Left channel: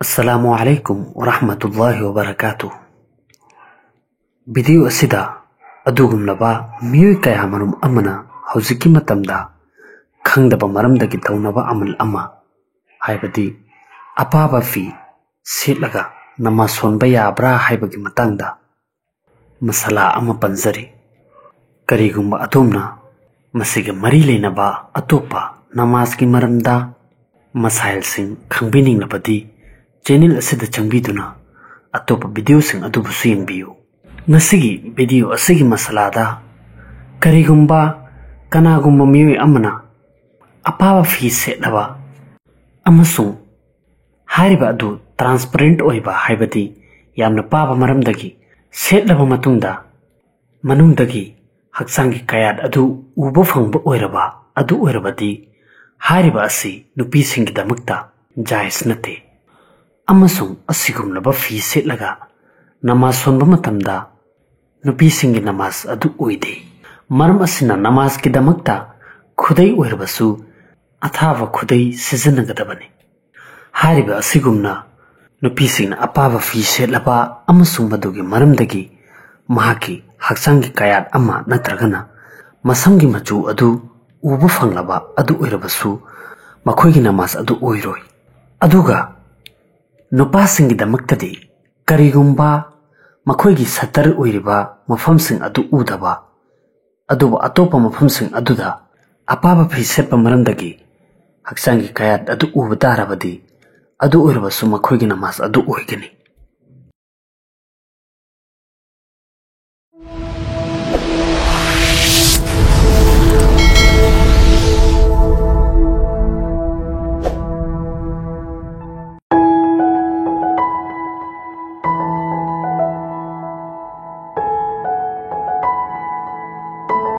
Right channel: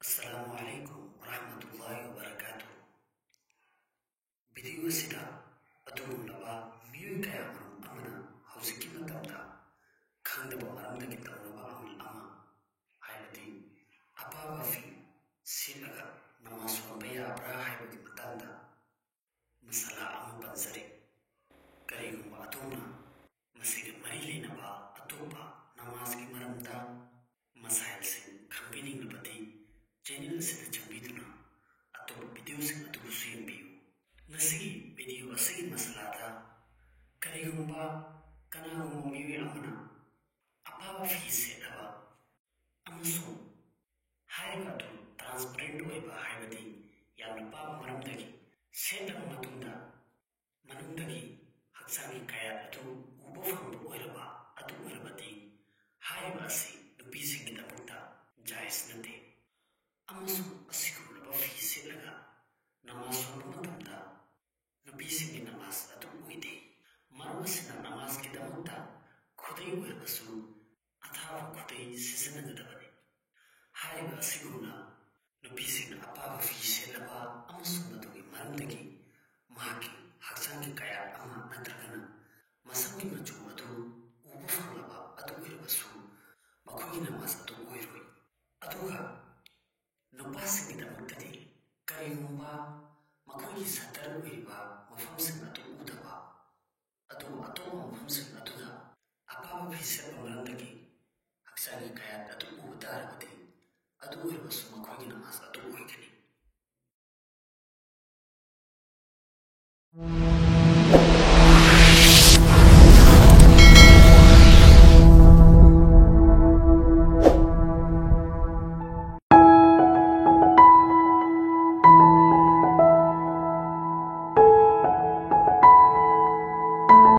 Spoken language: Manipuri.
Assalamu alaikum wa rahmatullahi wa barakatuh. Video asida adugumlaba miyoi kaya manum amana hauziki matamda khangdaba maramdagi taunaba amal ama haibadi apaba fi sitlaga namaz sonba yabra haibagi matangda masala ama panzari karigumba atomna masiga mari leinaba atopa namaz ki maramda masail sing khangbining nabadi channel asida changbiduna atopa video sing adubusu yengbiyu. Ngasigi video asigi masalada karigumba kanagumba miyoi amana apaba fi setlaba amasung hariba adu transparent oiba haibadi yamna paba maramdagi setlaba matungda manungdagi haksangi kayad adu uba fangba oiraba adu oirabadi hariba asi nupi singidamakta jais nate amasung asigumlaba fi setlaga namaz sonba matamda nupi singi namaz adu oide maram asina namaz ki damakta khudai oirabasu athava khudai sizanagadabane hariba asigumna nupi singna apava fi setlaba amasung madugi maramdagi mahaki haksangi kayat ama natragana masamgi machu adu uba fanglaba adu oirabasu makhoigi namaz adu oiroi aduga nupasingi damaktadi karigumba makhoigi satar oiriba mafamsing adu udaba aduba atopa mafamsing aduda apaba fi setpa maramdagi haksangi kayat adu uba darabadi adu oirabasu makhoigi namaz adu oigani.